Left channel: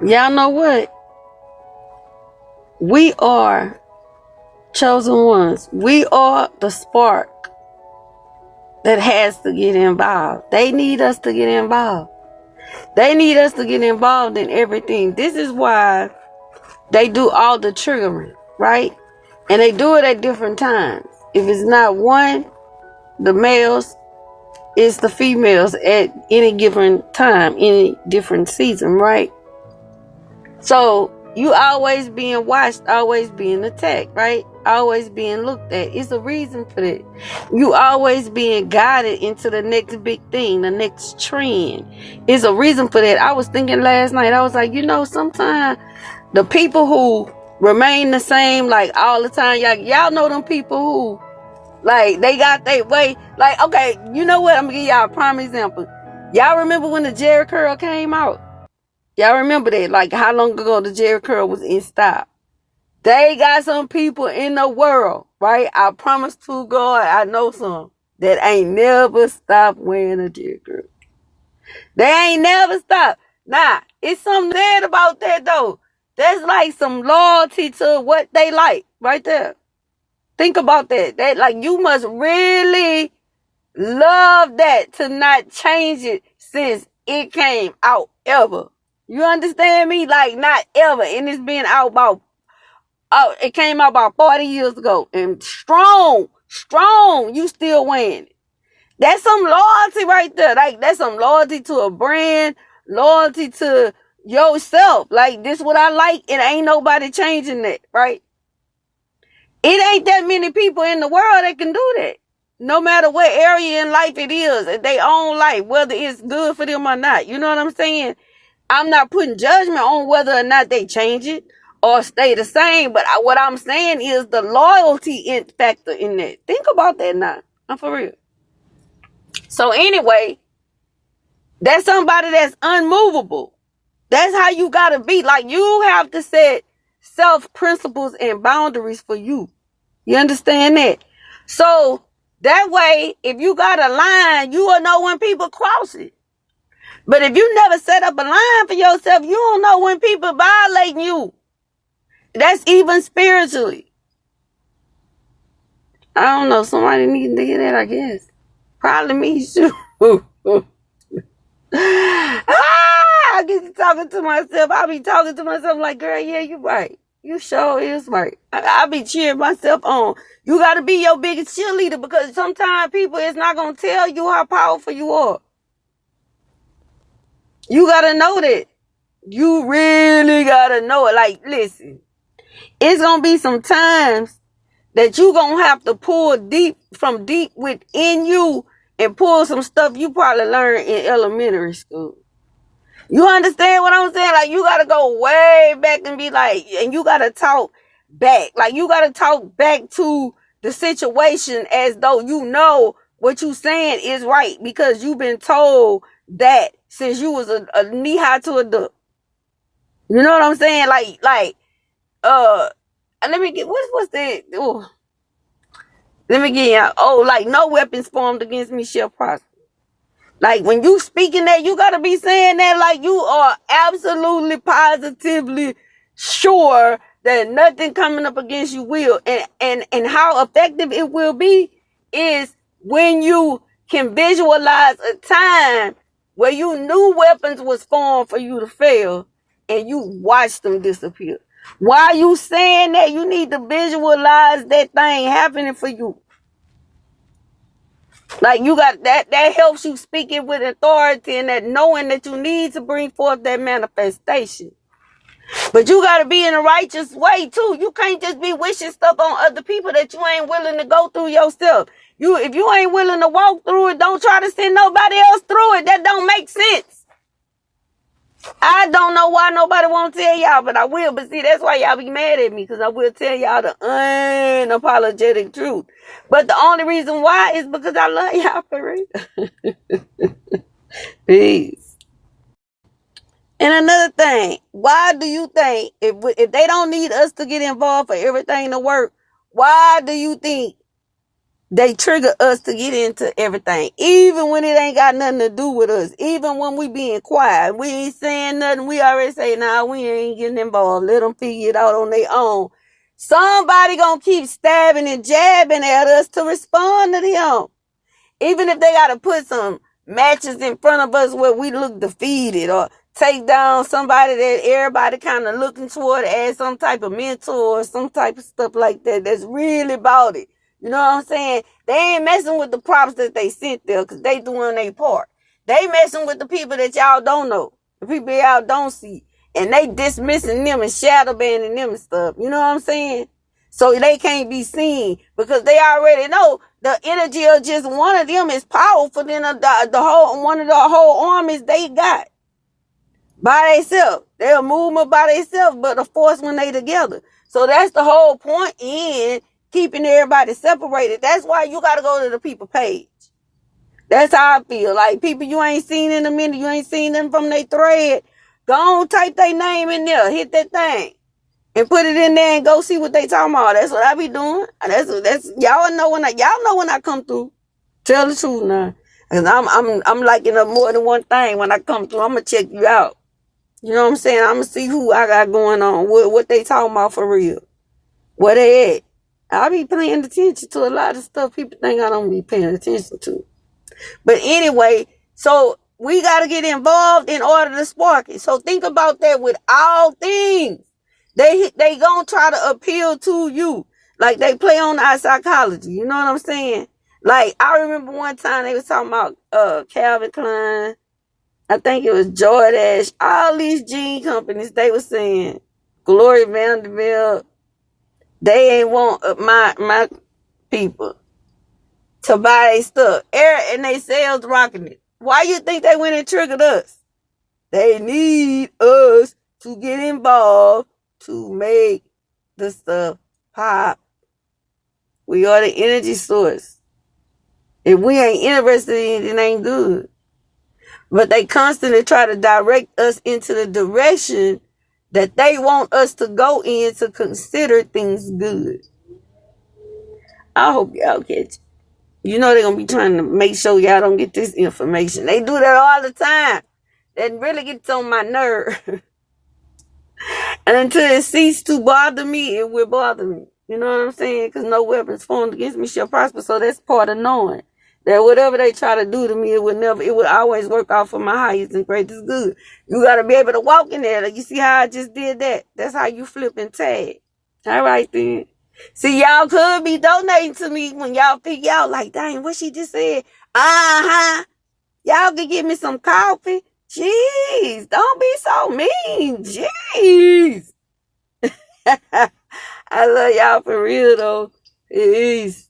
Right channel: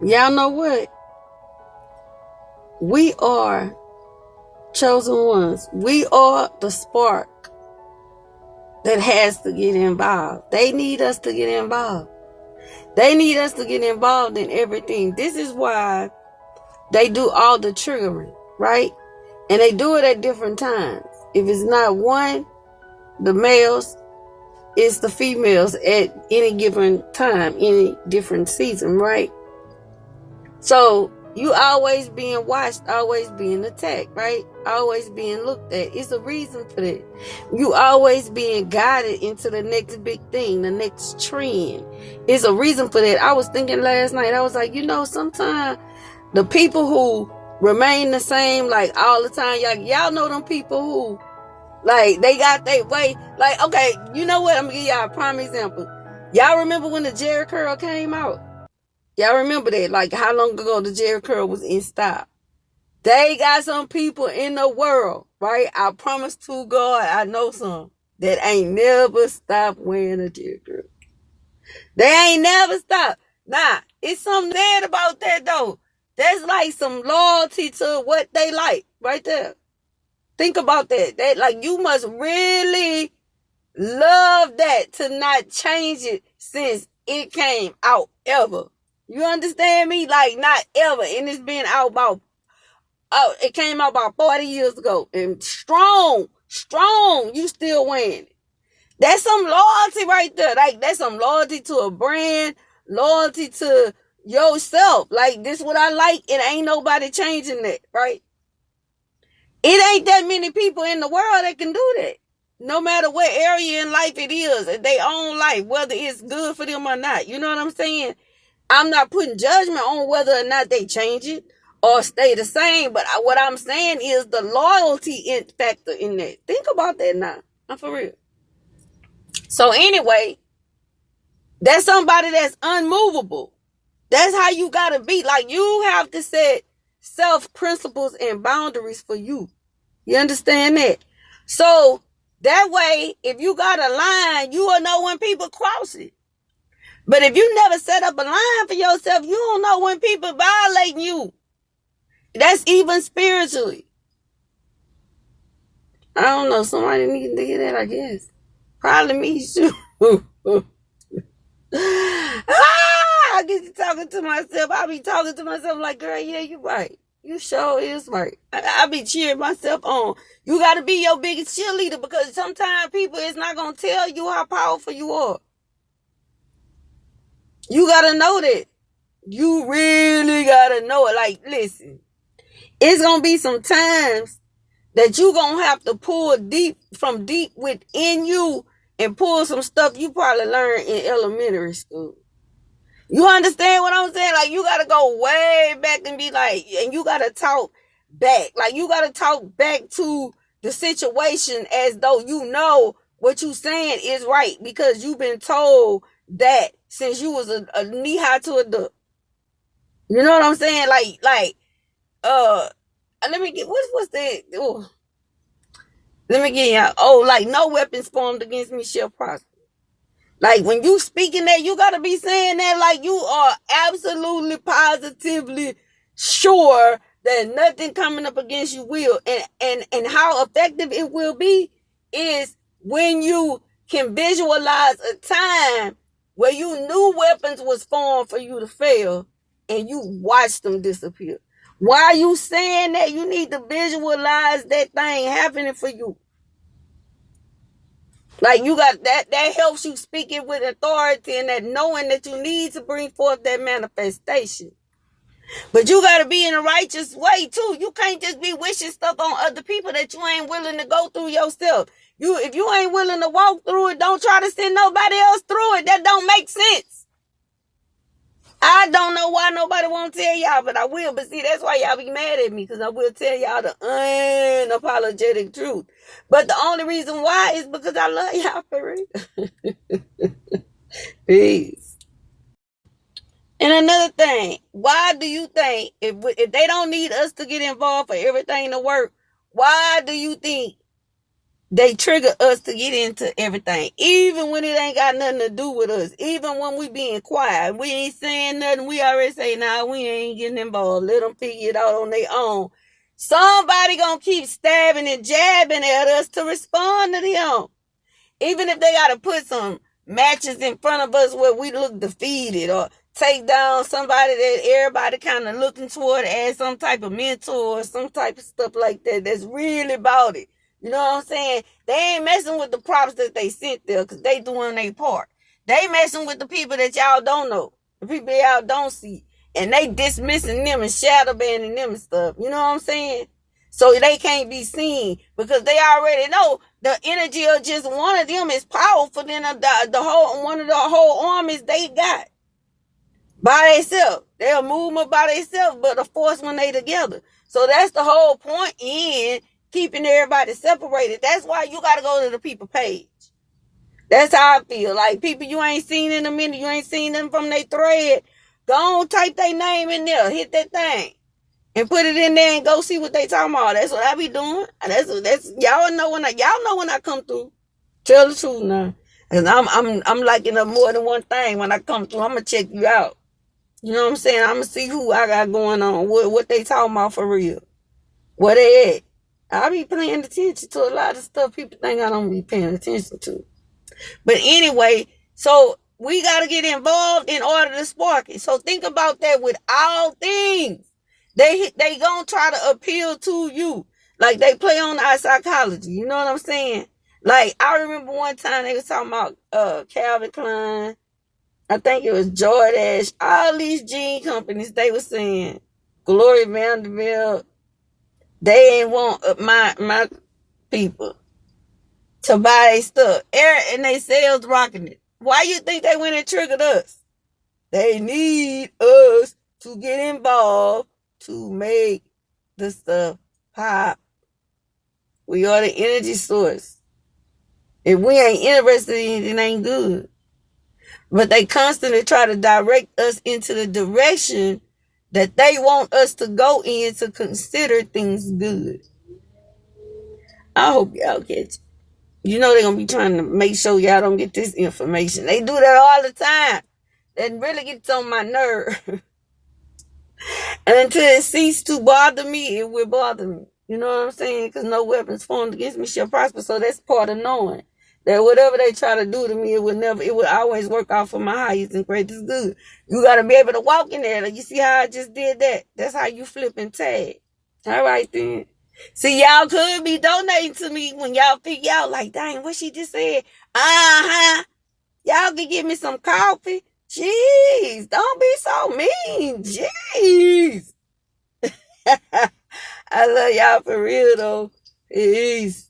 Y'all know what? We are chosen ones. We are the spark that has to get involved. They need us to get involved. They need us to get involved in everything. This is why they do all the triggering, right? And they do it at different times. If it's not one, the males, it's the females at any given time, any different season, right? So you always being watched, always being attacked, right? Always being looked at. It's a reason for that. You always being guided into the next big thing, the next trend. It's a reason for that. I was thinking last night, I was like, sometimes the people who remain the same, like all the time, y'all know them people who, like, they got their way. Like, okay, you know what? I'm gonna give y'all a prime example. Y'all remember when the Jerry curl came out? Y'all remember that? Like, how long ago the Jerry curl was in style? They got some people in the world, right? I promise to God, I know some that ain't never stopped wearing a Jerry curl. They ain't never stopped. Nah, it's something bad about that though. That's like some loyalty to what they like right there. Think about that. That, like, you must really love that to not change it since it came out ever. You understand me? Like, not ever. And it's been out it came out about 40 years ago. And strong, you still wearing it. That's some loyalty right there. Like, that's some loyalty to a brand, loyalty to yourself. Like, this what I like, and ain't nobody changing that, right? It ain't that many people in the world that can do that. No matter what area in life it is, they own life, whether it's good for them or not. You know what I'm saying? I'm not putting judgment on whether or not they change it or stay the same. But what I'm saying is the loyalty factor in that. Think about that now. I'm for real. So anyway, that's somebody that's unmovable. That's how you got to be. Like, you have to set self-principles and boundaries for you. You understand that? So that way, if you got a line, you will know when people cross it. But if you never set up a line for yourself, you don't know when people violating you. That's even spiritually. I don't know. Somebody needs to hear that, I guess. Probably me too. I get to talking to myself. I be talking to myself like, girl, yeah, you right. You sure is right. I be cheering myself on. You got to be your biggest cheerleader, because sometimes people is not going to tell you how powerful you are. You got to know that. You really got to know it. Like, listen, it's going to be some times that you going to have to pull deep within you and pull some stuff you probably learned in elementary school. You understand what I'm saying? Like, you got to go way back and be like, and you got to talk back. Like, you got to talk back to the situation as though you know what you saying is right, because you've been told that since you was a knee high to a duck. You know what I'm saying? Let me get, what's that? Ooh. Let me get you. Like, no weapons formed against me shall prosper. Like, when you speaking that, you gotta be saying that like you are absolutely positively sure that nothing coming up against you will. And how effective it will be is when you can visualize a time where you knew weapons was formed for you to fail and you watched them disappear. While you saying that, you need to visualize that thing happening for you. Like, you got that helps you speak it with authority and that knowing that you need to bring forth that manifestation. But you got to be in a righteous way too. You can't just be wishing stuff on other people that you ain't willing to go through yourself. If you ain't willing to walk through it, don't try to send nobody else through it. That don't make sense. I don't know why nobody won't tell y'all, but I will. But see, that's why y'all be mad at me, because I will tell y'all the unapologetic truth. But the only reason why is because I love y'all for real. Peace. And another thing, why do you think if they don't need us to get involved for everything to work, why do you think They trigger us to get into everything, even when it ain't got nothing to do with us. Even when we being quiet, we ain't saying nothing. We already say, nah, we ain't getting involved. Let them figure it out on their own. Somebody gonna keep stabbing and jabbing at us to respond to them. Even if they gotta put some matches in front of us where we look defeated, or take down somebody that everybody kind of looking toward as some type of mentor or some type of stuff like that that's really about it. You know what I'm saying? They ain't messing with the props that they sent there because they doing their part. They messing with the people that y'all don't know, the people y'all don't see, and they dismissing them and shadow banning them and stuff. You know what I'm saying? So they can't be seen because they already know the energy of just one of them is powerful than the whole one of the whole armies they got by themselves. They're a movement by themselves, but a force when they together. So that's the whole point in keeping everybody separated. That's why you got to go to the people page. That's how I feel. Like people you ain't seen in a minute, you ain't seen them from their thread. Go on, type their name in there, hit that thing, and put it in there and go see what they talking about. That's what I be doing. That's y'all know when I come through. Tell the truth now, cause I'm liking up more than one thing when I come through. I'm gonna check you out. You know what I'm saying? I'm gonna see who I got going on, what they talking about for real, where they at. I be paying attention to a lot of stuff people think I don't be paying attention to. But anyway, so we got to get involved in order to spark it. So think about that with all things. They gonna try to appeal to you. Like they play on our psychology. You know what I'm saying? Like I remember one time they was talking about Calvin Klein. I think it was Jordache. All these jean companies, they were saying Gloria Vanderbilt, they ain't want my people to buy their stuff. And they sales rocking it. Why you think they went and triggered us? They need us to get involved to make the stuff pop. We are the energy source. If we ain't interested in it, it ain't good. But they constantly try to direct us into the direction that they want us to go in to consider things good. I hope y'all catch it. You know they're going to be trying to make sure y'all don't get this information. They do that all the time. That really gets on my nerve. And until it ceases to bother me, it will bother me. You know what I'm saying? Because no weapons formed against me shall prosper. So that's part of knowing that whatever they try to do to me, it would always work out for my highest and greatest good. You got to be able to walk in there. Like, you see how I just did that? That's how you flip and tag. All right, then. See, y'all could be donating to me when y'all figure out, like, dang, what she just said. Uh-huh. Y'all could give me some coffee. Jeez, don't be so mean. Jeez. I love y'all for real, though. Peace.